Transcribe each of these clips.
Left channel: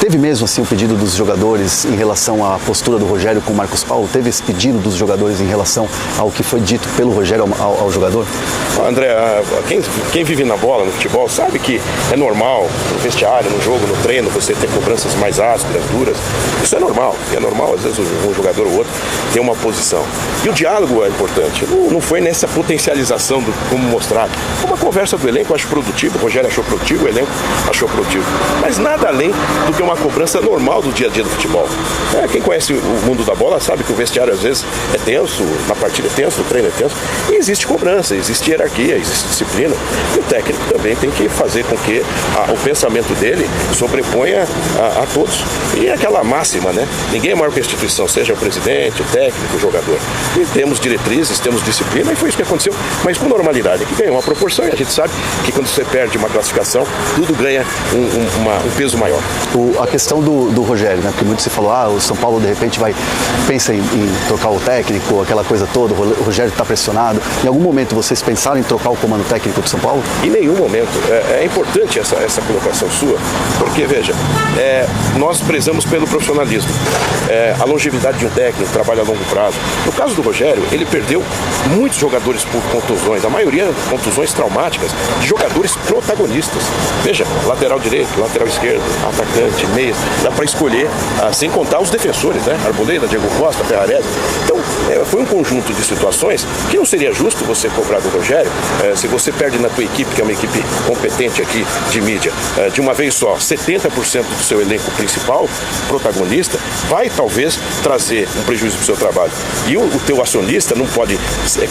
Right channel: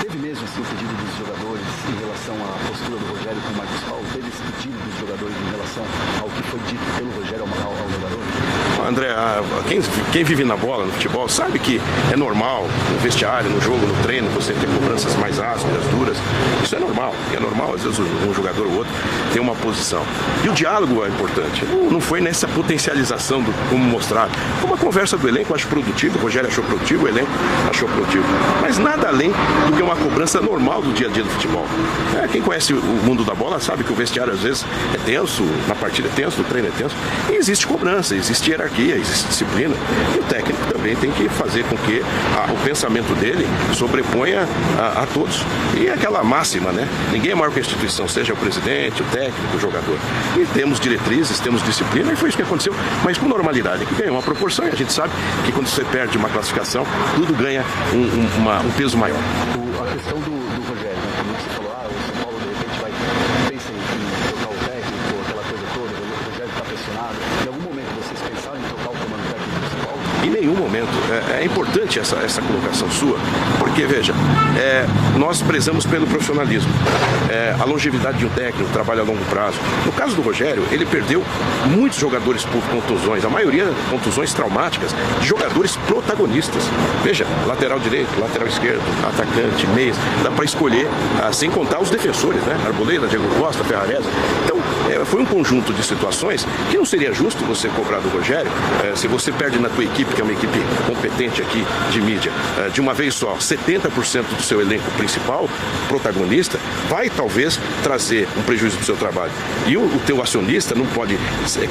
Teve mesmo assim o pedido dos jogadores em relação à postura do Rogério com o Marcos Paulo? Teve esse pedido dos jogadores em relação ao que foi dito pelo Rogério ao jogador? André, quem vive na bola, no futebol, sabe que é normal, no vestiário, no jogo, no treino, você ter cobranças mais ásperas, duras. Isso é normal, às vezes um jogador ou outro tem uma posição. E o diálogo é importante, não foi nessa potencialização do como mostrar. Uma conversa do elenco eu acho produtivo, o Rogério achou produtivo, o elenco achou produtivo. Mas nada além do que uma cobrança normal do dia a dia do futebol. Quem conhece o mundo da bola sabe que o vestiário às vezes é tenso, na partida é tenso, no treino é tenso, e existe cobrança, existe hierarquia, existe disciplina. E o técnico também tem que fazer com que o pensamento dele sobreponha a todos. E aquela máxima, né? Ninguém é maior que a instituição, seja o presidente, o técnico, o jogador. E temos diretrizes, temos disciplina, e foi isso que aconteceu, mas com normalidade, que ganhou uma proporção, e a gente sabe que quando você perde uma classificação, tudo ganha um peso maior. A questão do Rogério, né? Porque muito se falou, o São Paulo de repente pensa em trocar o técnico, aquela coisa toda, o Rogério está pressionado. Em algum momento vocês pensaram em trocar o comando técnico do São Paulo? Em nenhum momento. É importante essa colocação sua, porque, veja, nós prezamos pelo profissionalismo. A longevidade de um técnico, trabalho a longo prazo. No caso do Rogério, ele perdeu muitos jogadores por contusões, a maioria contusões traumáticas, de jogadores protagonistas. Veja, lateral direito, lateral esquerdo, atacante, meia, dá para escolher, sem contar os defensores, né? Arboleda, Diego Costa, Ferrarese. Então, foi um conjunto de situações que não seria justo você cobrar do Rogério, se você perde na tua equipe, que é uma equipe competente aqui de mídia, de uma vez só, 70% do seu elenco principal, protagonista, vai talvez trazer um prejuízo para o seu trabalho. E o teu acionista não pode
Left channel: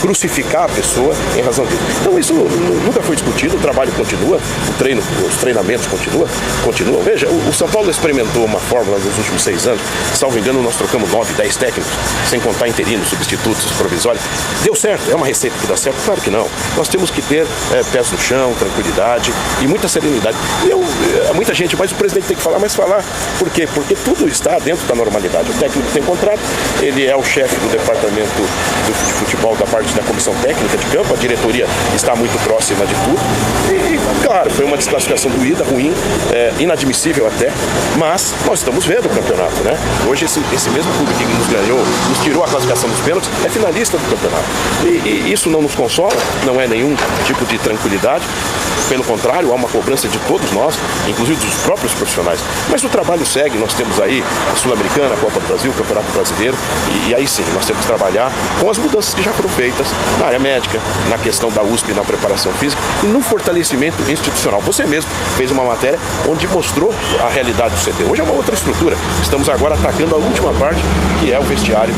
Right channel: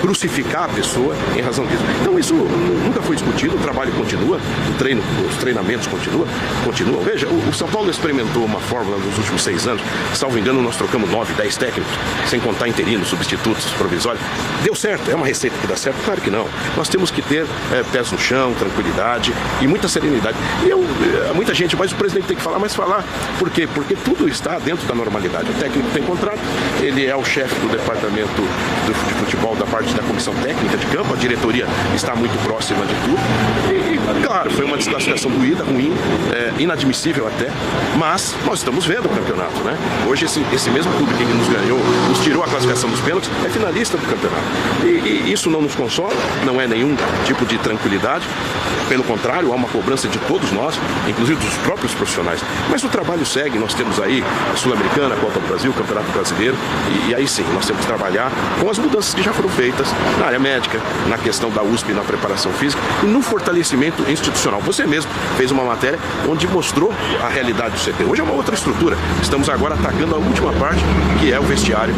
crucificar a pessoa em razão disso. Então isso nunca foi discutido, o trabalho continua, os treinamentos continuam. Veja, o São Paulo experimentou uma fórmula nos últimos 6 anos, salvo engano, nós trocamos 9, 10 técnicos, sem contar interinos, substitutos, provisórios. Deu certo? É uma receita que dá certo? Claro que não. Nós temos que ter pés no chão, tranquilidade e muita serenidade. Muita gente, mas o presidente tem que falar, mas falar. Por quê? Porque tudo está dentro da normalidade. O técnico tem contrato, ele é o chefe do departamento de futebol da parte da comissão técnica de campo, a diretoria está muito próxima de tudo. E, claro, foi uma desclassificação doída, ruim, inadmissível até, mas nós estamos vendo o campeonato, né? Hoje esse mesmo clube que nos ganhou, nos tirou a classificação dos pênaltis, é finalista do campeonato. E isso não nos consola, não é nenhum tipo de tranquilidade. Pelo contrário, há uma cobrança de todos nós, inclusive dos próprios profissionais. Mas o trabalho segue, nós temos aí a Sul-Americana, a Copa do Brasil, o Campeonato Brasileiro, e aí sim, nós temos que trabalhar com as mudanças que já foram feitas na área médica, na questão da USP, na preparação física e no fortalecimento institucional. Você mesmo fez uma matéria onde mostrou a realidade do CT. Hoje é uma outra estrutura. Estamos agora atacando a última parte, que é o vestiário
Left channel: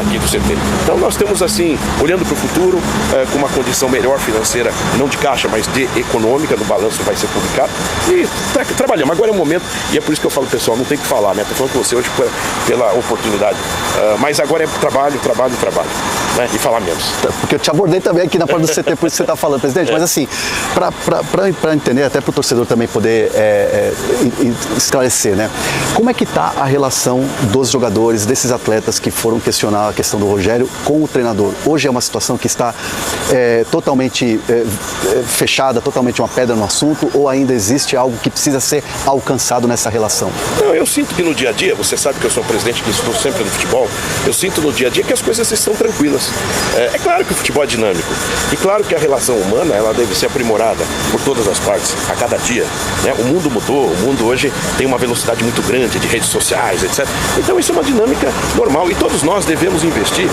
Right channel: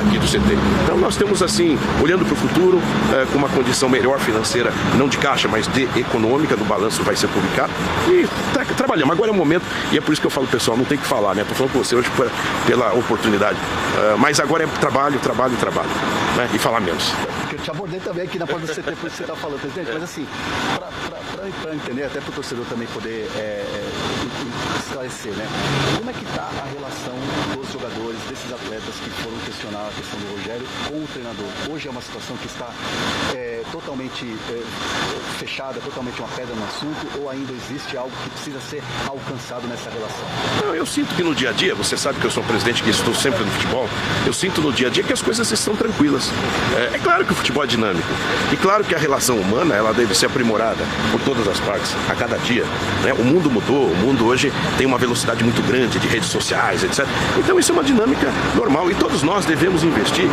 aqui do CT. Então nós temos assim, olhando para o futuro, com uma condição melhor financeira, não de caixa, mas de econômica, do balanço vai ser complicado. E trabalhamos. Agora é o momento, e é por isso que eu falo, pessoal, não tem que falar, não estou falando com você hoje pela oportunidade. Mas agora é trabalho, né? E falar menos. Porque eu te abordei também aqui na parte do CT, por isso que você está falando, presidente. Mas assim, para entender, até para o torcedor também poder esclarecer, né? Como é que está a relação dos jogadores, desses atletas que foram questionar a questão do Rogério com o treinador? Hoje é uma situação que está totalmente fechada, totalmente uma pedra no assunto, ou ainda existe algo que precisa ser alcançado nessa relação? Não, eu sinto que no dia a dia, você sabe que eu sou um presidente que estou sempre no futebol, eu sinto no dia a dia que as coisas estão tranquilas. É claro que o futebol é dinâmico, e claro que a relação humana ela deve ser aprimorada por todas as partes, a cada dia. Né? O mundo mudou, o mundo hoje tem uma velocidade muito grande de redes sociais, etc. Então isso é uma dinâmica normal, e todos nós devemos investir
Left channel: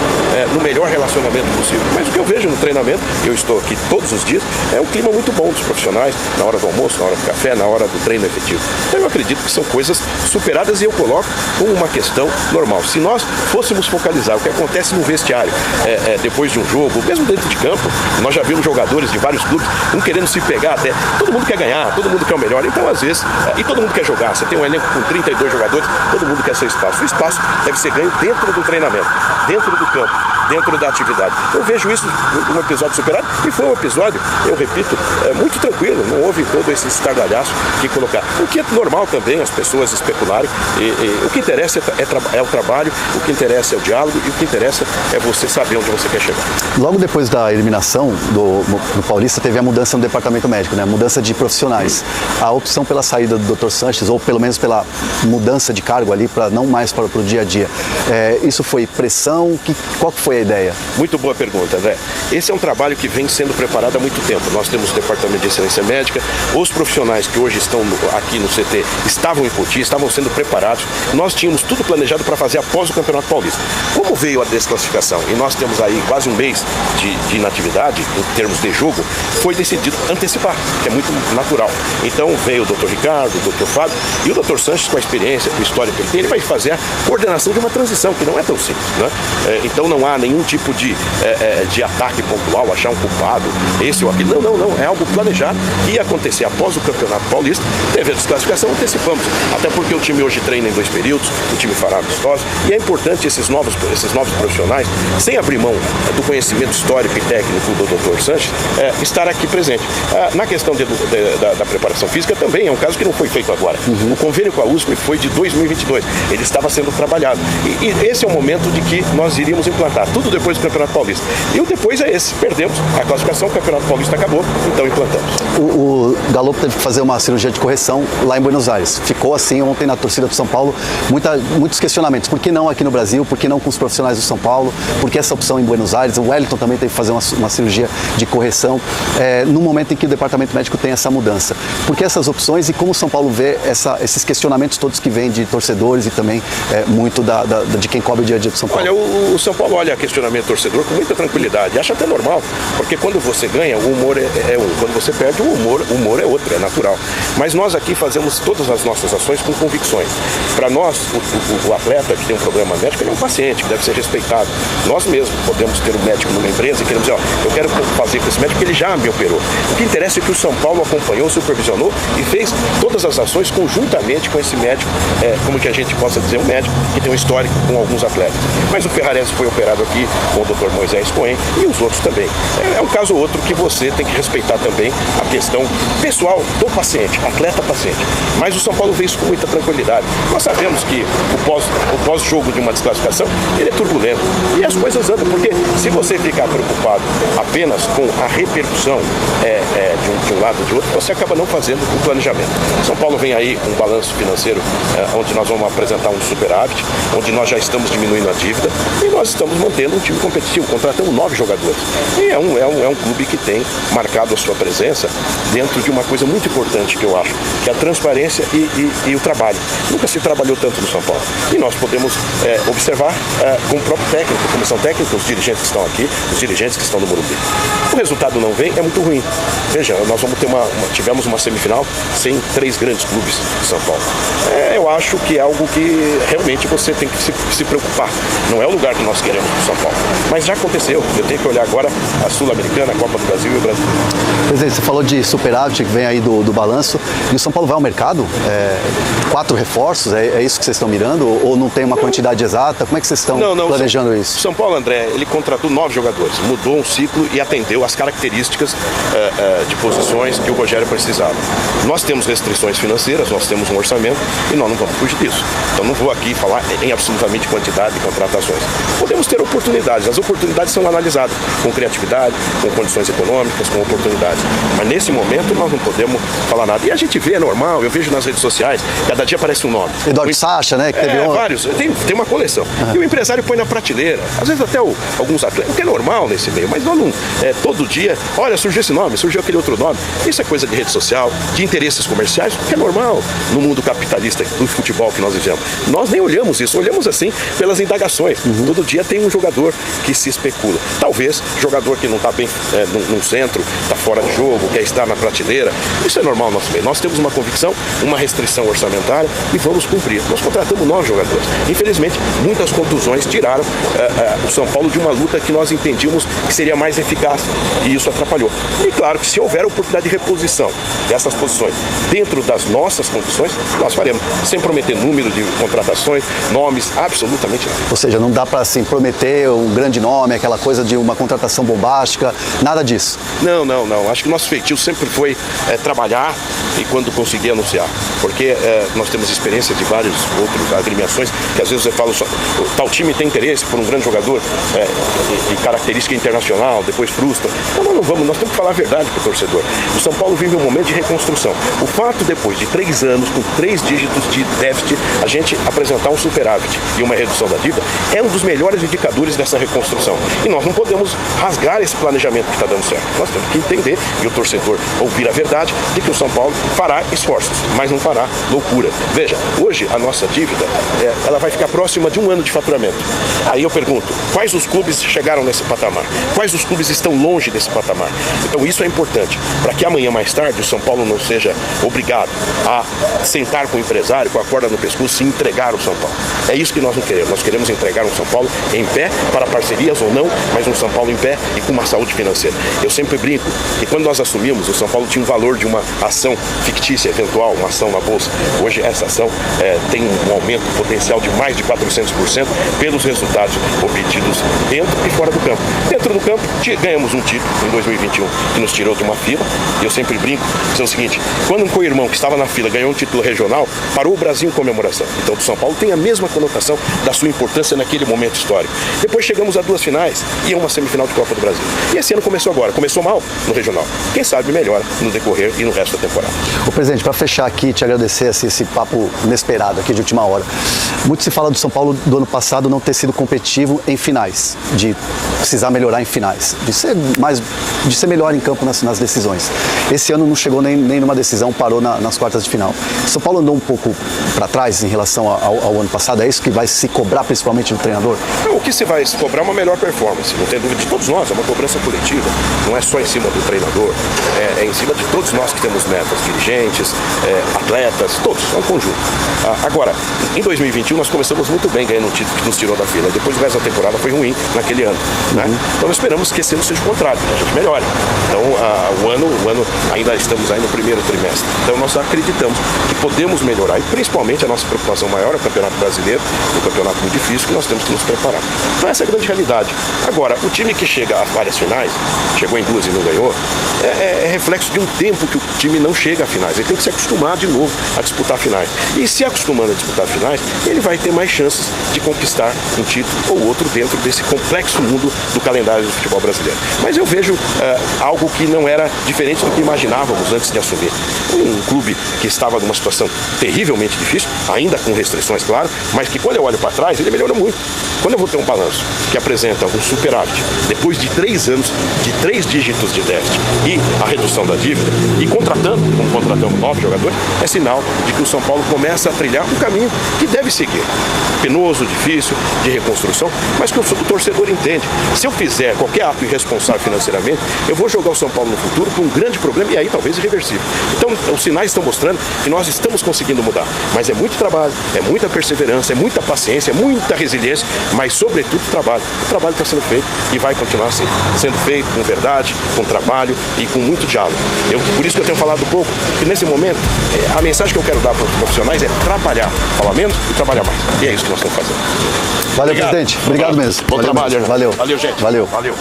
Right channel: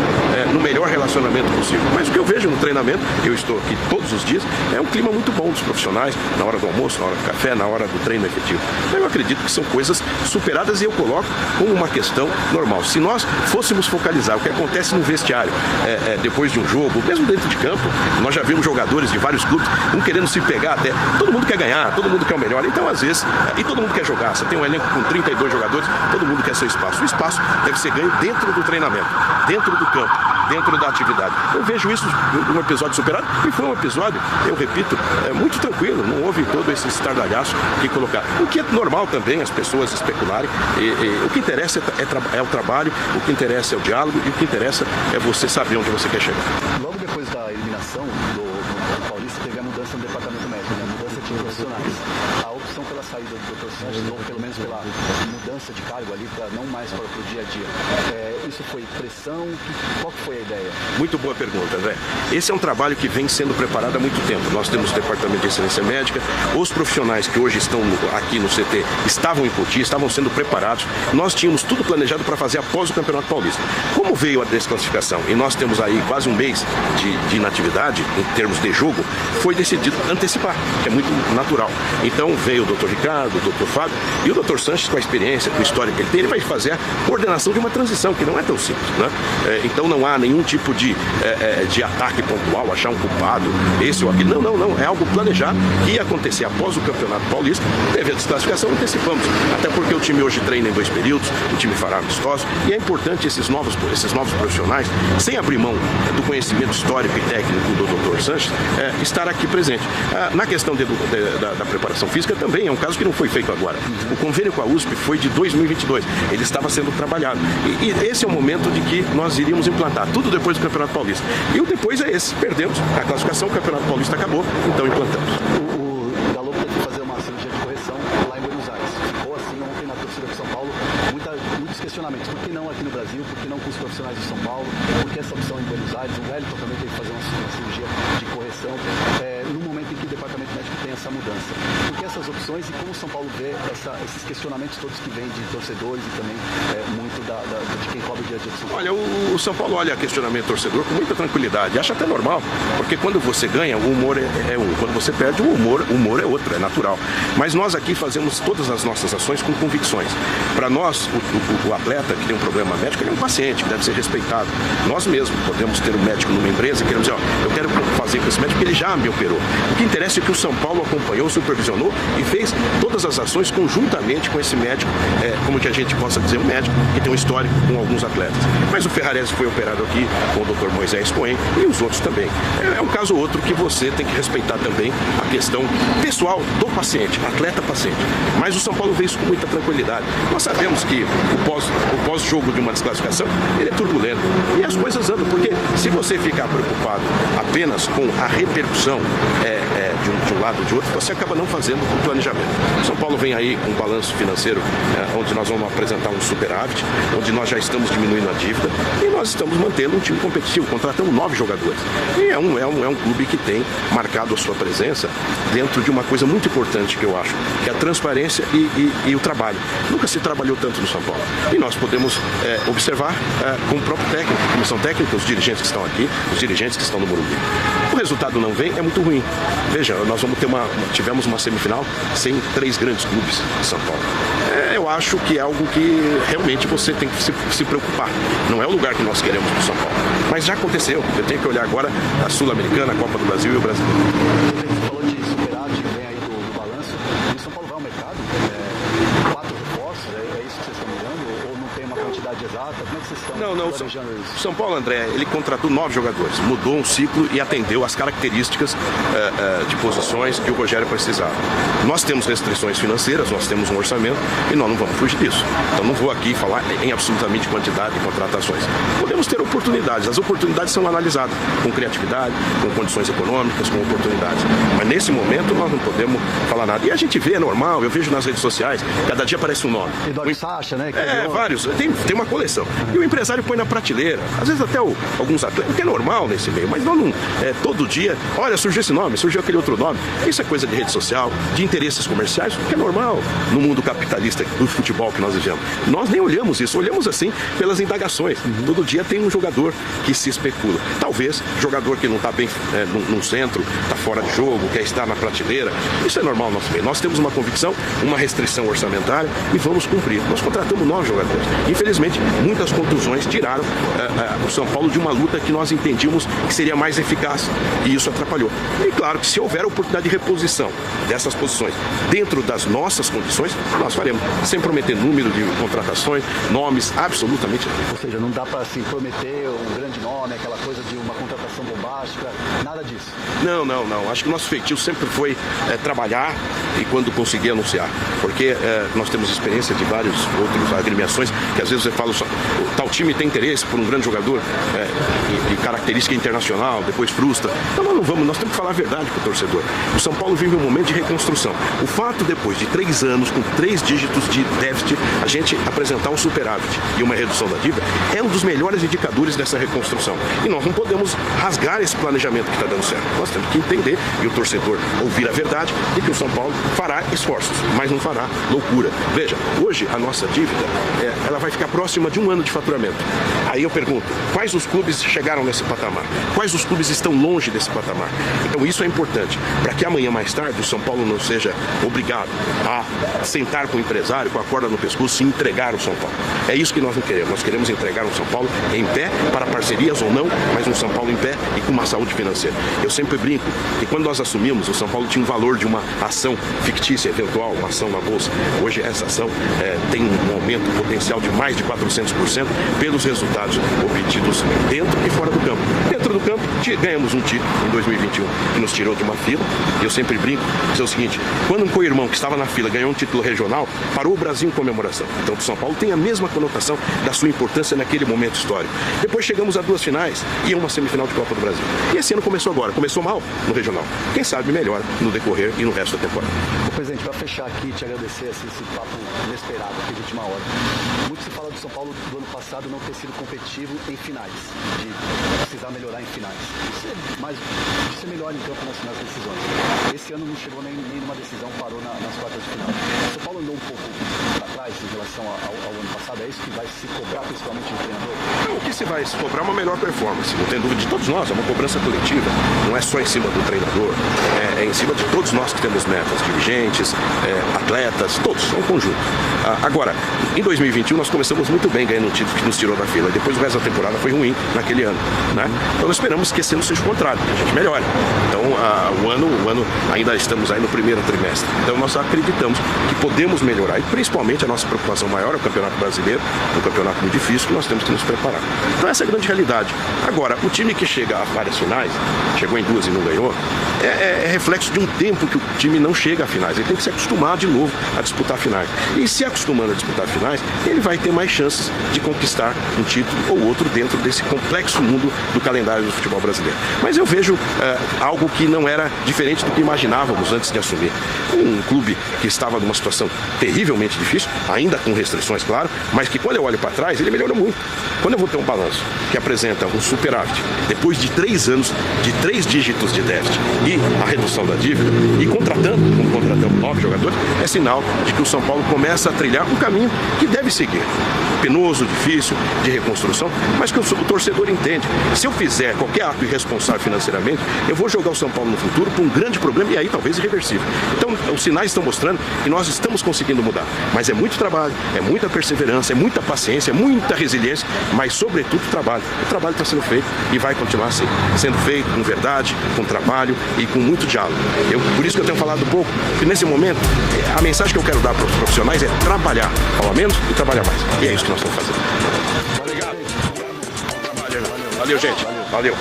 no melhor relacionamento possível. Mas o que eu vejo no treinamento, eu estou aqui todos os dias, é um clima muito bom dos profissionais, na hora do almoço, na hora do café, na hora do treino efetivo. Então eu acredito que são coisas superadas, e eu coloco como uma questão normal. Se nós fôssemos focalizar o que acontece no vestiário depois de um jogo, mesmo dentro de campo, nós já vimos jogadores de vários clubes não querendo se pegar até. Todo mundo quer ganhar, todo mundo quer o melhor. Então, às vezes, e todo mundo quer jogar. Você tem um elenco com 32 jogadores, todo mundo quer seu espaço. O espaço deve ser ganho dentro do treinamento, dentro do campo, dentro da atividade. Eu vejo isso um episódio superado, e foi um episódio, eu repito, muito tranquilo, não houve todo esse estardalhaço de colocar. O que é normal também as pessoas especularem, o que interessa é o trabalho, o que interessa é o diálogo, e o que interessa é você saber onde você quer chegar. Logo depois da eliminação do Paulista, teve a mudança no departamento médico, né? Mudança de profissionais. A opção pela saída do Dr. Sanches, ou pelo menos pela mudança de cargo ali, para não mais para o dia a dia. Isso foi pressão? Qual que foi a ideia? Muito boa pergunta, André. Esse é um trabalho que vem sendo preparado há muito tempo. Nós temos o Departamento de Excelência Médica, os profissionais que hoje estão aqui no CT estavam em Poti, estavam sendo preparados. Nós tínhamos tudo planejado para fazer após o Campeonato Paulista. Como veio a desclassificação e nós temos aí quase um mês de inatividade em termos de jogo, foi decidido antecipar, que é muito natural. Então veio o Dr. Ricardo, o Dr. Fábio e o Dr. Sanches, com a experiência, com a história que ele vai fazer a coordenação de uma transição, que não é tão simples, né? Então não há nenhum tipo de ataque pontual, achar um culpado, esse ou aquele. Não. É algo planejado que ia acontecer após o Campeonato Paulista. Teve a desclassificação, antecipamos. Até porque o time hoje treina em 2 períodos, o time fará amistosos, e é importante esses novos profissionais, sem abrir mão do conhecimento histórico e técnico do Dr. Sanches, estar aqui presente. Na questão da preparação física também é um caso que não foi feito agora. O convênio com a USP foi de 2022. Ele estava sendo trabalhado. E esse é o momento de que nós iríamos implantar, tudo depois do Campeonato Paulista. E o depois é esse. Perdemos a classificação, o Campeonato Paulista acabou, então implantamos. O Galo teve que fazer uma cirurgia de correção lá em Buenos Aires. Ficou assim ontem na torcida do São Paulo, muitos questionamentos. Por que não aqui no Brasil? Por que não com os profissionais do São Paulo? Por que essa opção em Buenos Aires? O Wellington também teve que fazer uma cirurgia de correção no momento em que o departamento médico tem essa mudança. Por que essas opções e como o São Paulo vê esses questionamentos todos que vêm de torcedores e também muito de quem cobre o dia a dia do São Paulo? Olha, o São Paulo olha questionamento torcedor com muita tranquilidade. Acho até normal, porque quando você ganha, o humor é um. Quando você perde, o humor é outro, é natural. Mas nós aqui fazemos todas as nossas ações com convicções. Para nós, o atleta que tem um problema médico, ele é um paciente que deve ser respeitado. Nós mesmos podemos ter um médico como empresa e queremos dizer, eu quero fazer com esse médico porque ele já me operou. O que interessa é que o São Paulo acompanhou, supervisionou e fez todas as ações conjuntamente com esse médico, como que a gente possa dizer, um médico que tem um histórico com alguns atletas. Mas o Ferrarese foi operado aqui com o Dr. Moisés Cohen e os outros também. É um caso ou outro que você tem que respeitar também a questão pessoal do paciente, atleta-paciente. Mas o São Paulo vê isso com muita tranquilidade. Nós sabemos que o pós-jogo de uma desclassificação, ele é turbulento. E as coisas andam, porque se você ficar preocupado apenas com a repercussão de um lado ou de outro, você acaba não fazendo um planejamento. São Paulo vem aí com um balanço financeiro onde nós vamos apresentar um superávit, onde nós já estamos diminuindo a dívida e nós estamos mantendo um time competitivo, contratando 9 jogadores. E é um clube que tem marcado a sua presença dentro de uma coisa muito importante que eu acho, que é a transparência e o trabalho. Nunca se trabalhou tanto no São Paulo. E nós podemos observar com o próprio técnico, a comissão técnica, os dirigentes que estão aqui, os dirigentes que estão no Morumbi. O resultado não vem, é muito ruim. Veja, nós tivemos uma semifinal sem 3 grandes clubes de São Paulo. Eu acho que é algo que realmente você tem que se preocupar. Não é o lugar que nós queremos no São Paulo. Mas já aconteceu. Eu tenho que olhar agora a Sul-Americana, a Copa do Brasil e o Brasil. Presidente, você falou de superávit que vem aí do balanço. E o São Paulo vai ao mercado? 4 reforços? É isso que vocês estão mirando? Ou não tem uma quantidade exata? Como é que vocês estão planejando isso? São Paulo, André, ele contratou 9 jogadores. Mudou um ciclo e atendeu às características de posições que o Rogério precisava. Nós temos restrições financeiras, nós temos um orçamento e nós não vamos fugir disso. Então não vou aqui falar em absolutamente quantidade de contratações. Podemos ter oportunidades, as oportunidades são analisadas com criatividade, com condições econômicas, com oportunidades. Mas nesse momento nós não podemos falar nada. E a gente vê, é normal, eu vejo nas redes sociais, cada dia aparece um nome. Eduardo Sacha, né? Que teve vários, tem uma coleção. E o empresário põe na prateleira, às vezes até alguns atletas, que é normal nesse meio, mas nós não, todo dia, olha, surgiu esse nome, surgiu aquele outro nome. Isso é coisa de rede social, de interesses comerciais, que é normal no mundo capitalista do futebol que nós vivemos. Nós nem olhamos isso, olhamos assim pelas indagações. Todo dia tem um jogador que se especula. Talvez jogador que não está bem num centro, está fora de jogo, quer estar na prateleira. Isso é normal no nosso meio. Nós temos uma convicção, uma restrição orçamentária e vamos cumprir. Nós contratamos 9 jogadores. Infelizmente, muitas contusões tiraram o São Paulo de uma luta que nós entendíamos que seria mais eficaz. E isso atrapalhou. E claro que se houver oportunidade precisar de reposição dessas posições dentro das nossas condições, nós faremos, sem prometer número de contratações, nomes, absolutamente nada. Ou seja, não dá para assim, prometer um grande nome, aquela coisa de uma contratação bombástica, nada disso. Não. Acho que o nosso feitio sempre foi trabalhar e quando conseguir anunciar. Porque nós temos experiência de vários outros agremiações que às vezes você fala, tal time tem interesse por um grande jogador de característica internacional, depois frustra. Não vamos, nós temos que falar a verdade para o torcedor. O São Paulo vive um momento de reconstrução. O fato, depois de 3 anos, com 3 dígitos de déficit, a gente apresentar um superávit e uma redução da dívida é um dos melhores indicadores dessa reconstrução. E nós não podemos rasgar esse planejamento que está dando certo. Nós temos que entender e o torcedor ouvir a verdade de que o São Paulo fará esforços, mas não fará loucura. Veja, hoje a nossa dívida ela vai ficar próxima de 1 ano de faturamento. Aí eu pergunto, quais os clubes chegaram nesse patamar? Quais os clubes estão longe desse patamar? Então isso é importante, para que amanhã mais tarde o São Paulo não seja obrigado a sentar com o empresário, com a corda no pescoço e entregar o São Paulo. É isso que nós não queremos. Nós queremos entregar um São Paulo em pé, para parcerias ou não, mas um São Paulo em pé e com uma saúde financeira. Eu sempre brinco que quando nós assumimos, o São Paulo tinha um valor de uma ação fictícia, eventual, uma ação na Bolsa. Hoje essa ação tem um aumento potencial de mais de 400% pelos resultados obtidos dentro e fora do campo. Dentro do campo, ganhamos um título em 2021 que nos tirou de uma fila. E eu sempre brinco, é o seguinte, quando um co-irmão que estava na fila ganhou um título regional, parou o Brasil em comemoração. Então o São Paulo tem a mesma conotação da sua importância naquele momento histórico. Depois chegamos a 2 finais e a uma semifinal de Copa do Brasil. E esse ano começou agora, começou mal no regional. Quem sabe melhora no decorrer e no resto da temporada. Ô presidente, para fechar aqui, te agradecer esse papo inesperado aqui de última hora. Muito se fala do São Paulo do ano passado não ter sido competitivo em finais, de precisar melhorar em finais, de ser melhor em campo nas decisões. Esse ano não chegou nem numa decisão, parou nas quartas de final. São Paulo andou um pouco para trás em relação ao ano passado, é isso que vai se cobrar principalmente do treinador? O que se vai se cobrar é uma melhor performance, não tem dúvida de todos nós, é uma cobrança coletiva, não é só em cima do treinador, é em cima de todos nós que temos metas, dirigentes, atletas, todos, é um conjunto. Agora, em 2021 nós começamos muito bem ganhando um título que nos tirou da fila, depois o resto da temporada foi ruim naquele ano, né? Então nós esperamos que esse ano seja o contrário, a gente melhore. Então o ano ainda estamos aí no primeiro trimestre, então nós acreditamos que podemos melhorar e principalmente a nossa preocupação maior é o Campeonato Brasileiro, um campeonato muito difícil que nós temos que nos preparar. Então essa é a grande realidade. Agora, o time que chega a várias finais, chegou em 2 e não ganhou, é reflexo de um tempo que o time não chega a finais, ele tem que se acostumar de novo a disputar finais. E se acostumando a disputar finais, ele vai ter mais chances de conquistar um título ou outro dentro desse complexo mundo do calendário do futebol brasileiro. Mas eu vejo algo que não era diferente do que imaginávamos antes de assumir. Um clube que estava numa situação terrivelmente difícil, ainda com restrições, claro, mas que quando eu olho para trás, ele melhorou muito. Quando eu vou ter um balanço que apresenta um superávit, depois de 3 anos, de 3 dígitos de déficit e a redução da dívida, e contratando 9 jogadores, é sinal de que o São Paulo começa a trilhar um caminho que deve seguir. Penoso, difícil, de reconstrução, mas que o torcedor entende. Se eu fizer qualquer ato irresponsável financeiramente, eu vou jogar o São Paulo no futuro com um grande problema e aí talvez irreversível. Então, os sinais estão mostrando que nós estamos conseguindo mudar. Mas é muito trabalho, é muita perseverança, é muita paciência, é muita resiliência, mas sobretudo trabalho. O trabalho está sendo feito e vai continuar assim, sendo feito com verdade, com trabalho e com muito diálogo. Por isso que eu tenho falado um pouco, que nesse momento, a mensagem que eu quero dar para os profissionais é trabalhar. Falar menos, trabalhar mais. E é isso que nós estamos fazendo. Valeu, presidente. Obrigado mesmo. Bom trabalho. Valeu. Valeu, gente. Valeu. Valeu.